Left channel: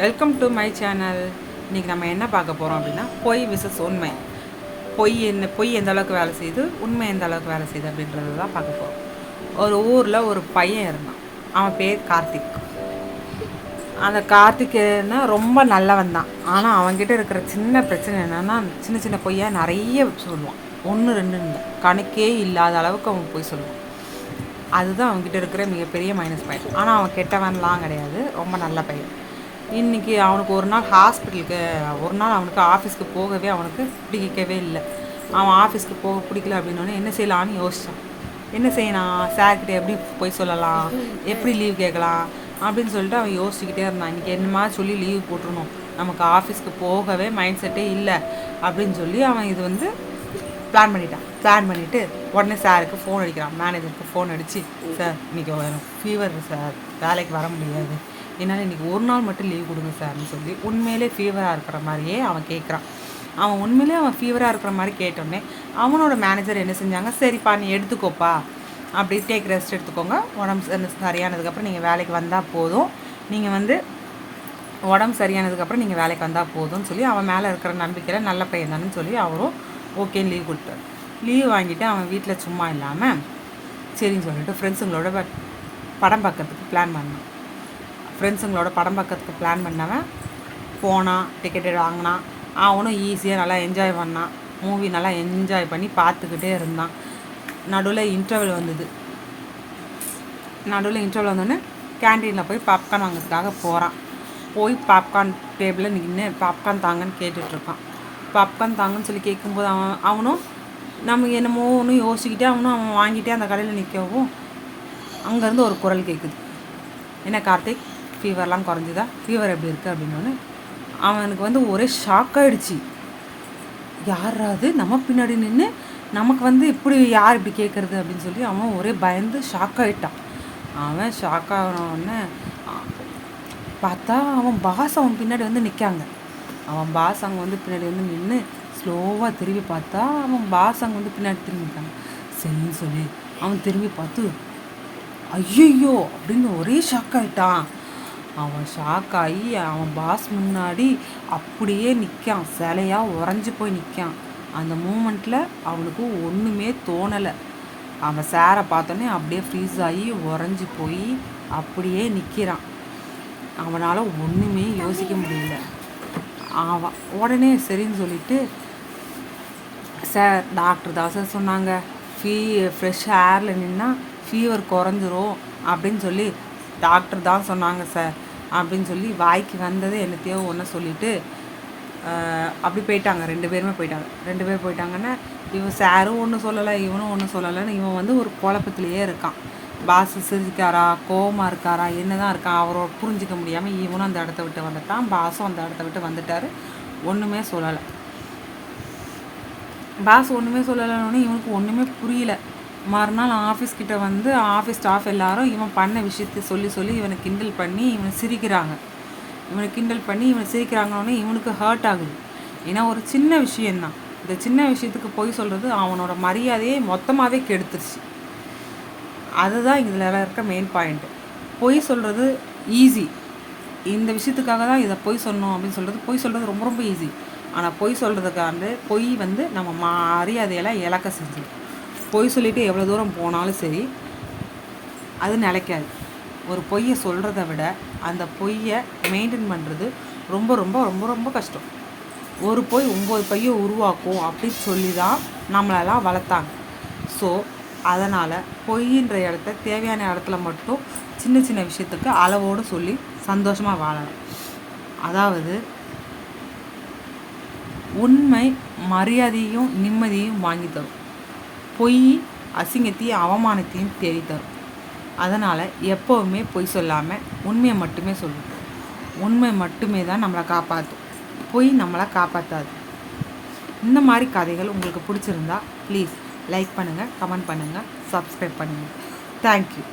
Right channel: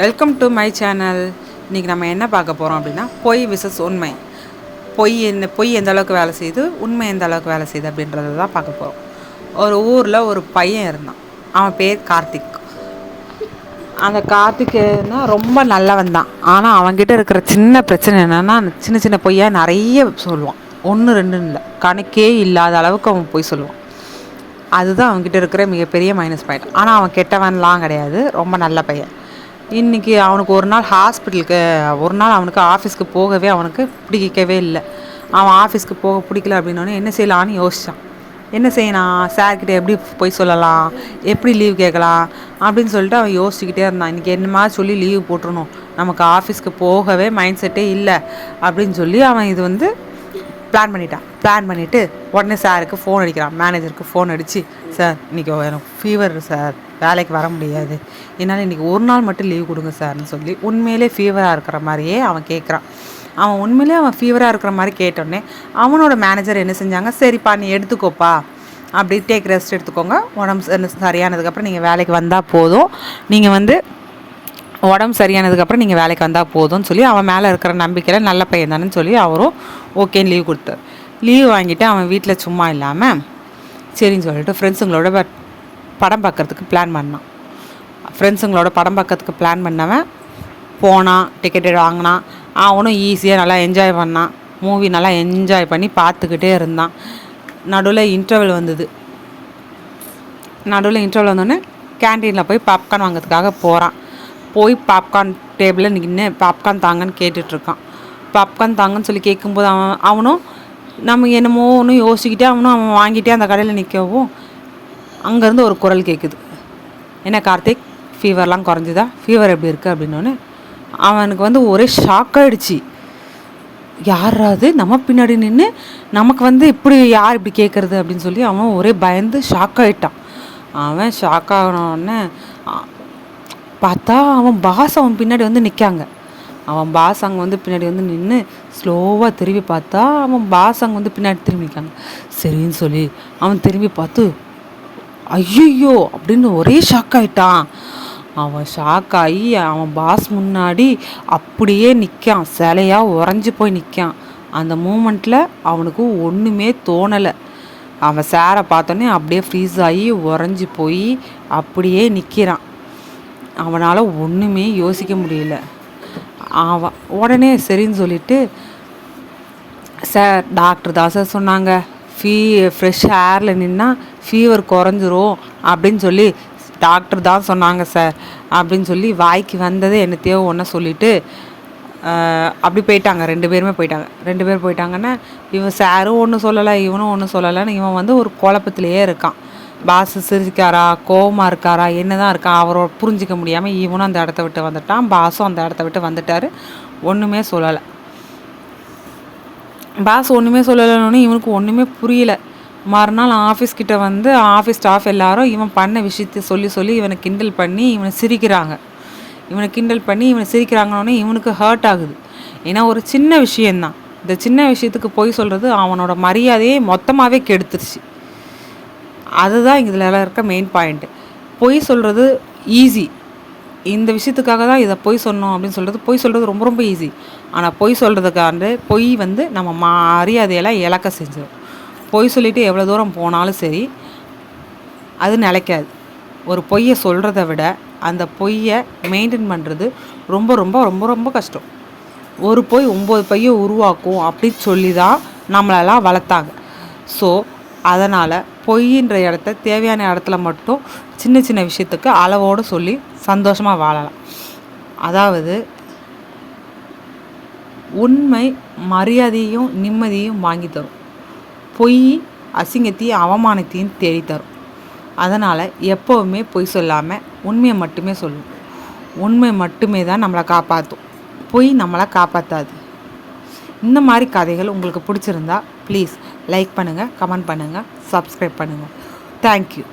Welcome to my channel. இன்றைக்கி நம்ம என்ன பார்க்க போகிறோம் அப்படின்னா, பொய் விசஸ் உண்மை. பொய் எந்த அளவுக்கு வேலை செய்யுது, உண்மை எந்த அளவுக்கு வேலை செய்யுது அப்படின்றத தான் பார்க்க போகிறோம். ஒரு ஊரில் ஒரு பையன் இருந்தான். அவன் பேர் கார்த்திக். அந்த கார்த்திக்னா ரொம்ப நல்லவன் தான். ஆனால் அவன்கிட்ட இருக்கிற சின்ன பிரச்சனை என்னென்னா, சின்ன சின்ன பொய்யா நிறைய சொல்லுவான். 1 2 இல்லை, கணக்கே இல்லாத அளவுக்கு அவன் பொய் சொல்லுவான். அதுதான் அவன்கிட்ட இருக்கிற மிகப்பெரிய மைனஸ் பாயிண்ட். ஆனால் அவன் கெட்டவன்லாம் கிடையாது, ரொம்ப நல்ல பையன். இன்றைக்கி அவனுக்கு ஒரு நாள் அவனுக்கு ஆஃபீஸ்க்கு போகவே அவனுக்கு பிடிக்கவே இல்லை. அவன் ஆஃபீஸ்க்கு போக பிடிக்கல அப்படின்னோடனே என்ன செய்யலான்னு யோசித்தான். என்ன செய்யலாம், சார்கிட்ட எப்படி போய் சொல்லலாம், எப்படி லீவ் கேட்கலாம் அப்படின்னு சொல்லிட்டு அவன் யோசிச்சுக்கிட்டே இருந்தான். இன்றைக்கி என்னமா சொல்லி லீவ் போட்டுருணும், நமக்கு ஆஃபீஸ்க்கு போகவே மைண்ட் செட்டே இல்லை அப்படின்னு சொல்லி அவன் இது பிளான் பண்ணிவிட்டு உடனே சாருக்கு ஃபோன் அடிக்கிறான். மேனேஜருக்கு ஃபோன் அடித்து, சார் இன்றைக்கி எனக்கு ஃபீவர் சார், வேலைக்கு வர முடியாது, என்னால் இன்றைக்கி ஒரு நாள் மட்டும் லீவ் கொடுங்க சார்னு சொல்லி உண்மையிலே ஃபீவராக இருக்கிற மாதிரியே அவன் கேட்குறான். அவன் ஃபீவராக இருக்கிற மாதிரி கேட்டோடனே அவனோட மேனேஜர் என்ன செஞ்சாங்க, சரிப்பா நீ எடுத்துக்கோப்பா, அப்படி டேக் ரெஸ்ட் எடுத்துக்கோங்க, உடம்பு சரியானதுக்கப்புறம் நீங்கள் வேலைக்கு வந்தால் போதும், உடம்பு சரியானதுக்கப்புறம் நீங்கள் வேலைக்கு வந்தால் போதும்னு சொல்லி அவன் மேலே இருக்கிற நம்பிக்கையில் நல்ல பையன் தானேன்னு சொல்லி அவரும் ஓகேன்னு லீவ் கொடுத்தார். லீவ் வாங்கிட்டு அவன் வீட்டில் சும்மா இல்லாமல் சரின்னு சொல்லிட்டு ஃப்ரெண்ட்ஸுங்களோட படம் பார்க்குறதுக்கு பிளான் பண்ணவன் போனான், டிக்கெட் வாங்கினான். அவனும் ஈஸியாக நல்லா என்ஜாய் பண்ணான். மூவி நல்லா என்ஜாய் பண்ணி பார்த்துக்கிட்டே இருந்தான். நடுவில் இன்டர்வல் வந்தோடனே கேன்டீனில் போய் பாப்கார்ன் வாங்கிறதுக்காக போகிறான். போய் பாப்கார்ன் டேபிளில் நின்று பாப்கார்ன் தாங்கன்னு கேட்டுட்ருக்கான். பாப்கார்ன் தாங்கன்னு சொல்லி கேட்கும்போது அவனும் நம்ம என்னமோ ஒன்று யோசிக்கிட்டே அவன் வாங்கிட்டே அந்த கடையில் நிற்கவும் அங்கேருந்து ஒரு குரல் கேட்குது. என்ன கார்த்திக், ஃபீவர்லாம் குறைஞ்சிதா, ஃபீவர் எப்படி இருக்குது அப்படின்னோடனே அவனுக்கு ஒரே ஷாக் ஆகிடுச்சு. யாராவது நம்ம பின்னாடி நின்று நமக்கு இப்படி யார் இப்படி கேட்குறது அப்படின்னு சொல்லி அவன் ஒரே பயந்து ஷாக் ஆகிட்டான். அவன் ஷாக் ஆகினோடனே பார்த்தா அவன் பாஸ் அவன் பின்னாடி நிற்காங்க. அவன் பாஸ் அங்கே பின்னாடி நின்று ஸ்லோவாக திரும்பி பார்த்தா அவன் பாஸ் அங்கே பின்னாடி திரும்பி நிற்காங்க. சரின்னு சொல்லி அவன் திரும்பி பார்த்து ஐயோ அப்படின்னு ஒரே ஷாக் ஆகிட்டான். அவன் ஷாக் ஆகி அவன் பாஸ் முன்னாடி அப்படியே நிற்கான், சிலையாக உறைஞ்சி போய் நிற்கான். அந்த மூமெண்ட்டில் அவனுக்கு ஒன்றுமே தோணலை. அவன் சாரை பார்த்தோன்னே அப்படியே ஃப்ரீஸ் ஆகி உறைஞ்சி போய் அப்படியே நிற்கிறான். அவனால் ஒன்றுமே யோசிக்க முடியல. அவன் உடனே சரின்னு சொல்லிட்டு, சார் டாக்டர் தான் சார் சொன்னாங்க, ஃப்ரெஷ் ஏரில் நின்னா ஃபீவர் குறைஞ்சிரும் அப்படின்னு சொல்லி டாக்டர் தான் சொன்னாங்க சார் அப்படின்னு சொல்லி வாய்க்கு வந்ததே என்னத்தையோ ஒன்று சொல்லிவிட்டு அப்படி போயிட்டாங்க. 2 பேர் போயிட்டாங்கன்னா இவன் சாரும் ஒன்றும் சொல்லலை, இவனும் ஒன்றும் சொல்லலைன்னு இவன் ஒரு குழப்பத்திலேயே இருக்கான். பாஸ் சிரிக்காரா, கோவமாக இருக்காரா, என்ன தான் இருக்கான் அவரோட புரிஞ்சிக்க முடியாமல் இவனும் அந்த இடத்த விட்டு வந்துட்டான். பாஸும் அந்த இடத்த விட்டு வந்துட்டார். ஒன்றுமே சொல்லலை. பாஸ் ஒன்றுமே சொல்லலைன்னு இவனுக்கு ஒன்றுமே புரியல. மறுநாள் ஆஃபீஸ்கிட்ட ஆஃபீஸ் ஸ்டாஃப் எல்லாரும் இவன் பண்ண விஷயத்தை சொல்லி இவனை கிண்டல் பண்ணி இவனை சிரிக்கிறாங்கன்னொன்னே இவனுக்கு ஹர்ட் ஆகுது. ஏன்னா ஒரு சின்ன விஷயந்தான், இந்த சின்ன விஷயத்துக்கு பொய் சொல்கிறது அவனோட மரியாதையை மொத்தமாகவே கெடுத்துருச்சு. அதுதான் இதில் இருக்க மெயின் பாயிண்ட்டு. பொய் சொல்கிறது ஈஸி, இந்த விஷயத்துக்காக தான் இதை பொய் சொன்னோம் அப்படின்னு சொல்கிறது ரொம்ப ரொம்ப ஈஸி. ஆனால் பொய் சொல்கிறதுக்காண்டு பொய் நம்ம மரியாதையெல்லாம் இழக்க செஞ்சிடும். பொய் சொல்லிவிட்டு எவ்வளோ தூரம் போனாலும் சரி அது நிலைக்காது. ஒரு பொய்யை சொல்கிறத விட அந்த பொய்யை மெயின்டைன் பண்ணுறது ரொம்ப ரொம்ப ரொம்ப ரொம்ப கஷ்டம். ஒரு பொய் 9 பொய்யை உருவாக்கும் அப்படின்னு சொல்லி தான் நம்மளெல்லாம் வளர்த்தாங்க. ஸோ அதனால் பொய்ன்ற இடத்த தேவையான இடத்துல மட்டும் சின்ன சின்ன விஷயத்துக்கு அளவோடு சொல்லி சந்தோஷமாக வாழலாம். அதாவது உண்மை மரியாதையும் நிம்மதியும் வாங்கி தரும், பொய் அசிங்கத்தையும் அவமானத்தையும் தேடித்தரும். அதனால் எப்போவுமே பொய் சொல்லாமல் உண்மையை மட்டுமே சொல்லணும். உண்மை மட்டுமே தான் நம்மளை காப்பாற்றும், பொய் நம்மளை காப்பாற்றாது. இந்த மாதிரி கதைகள் உங்களுக்கு பிடிச்சிருந்தா ப்ளீஸ் லைக் பண்ணுங்கள், கமெண்ட் பண்ணுங்கள், சப்ஸ்கிரைப் பண்ணுங்கள். தேங்க்யூ.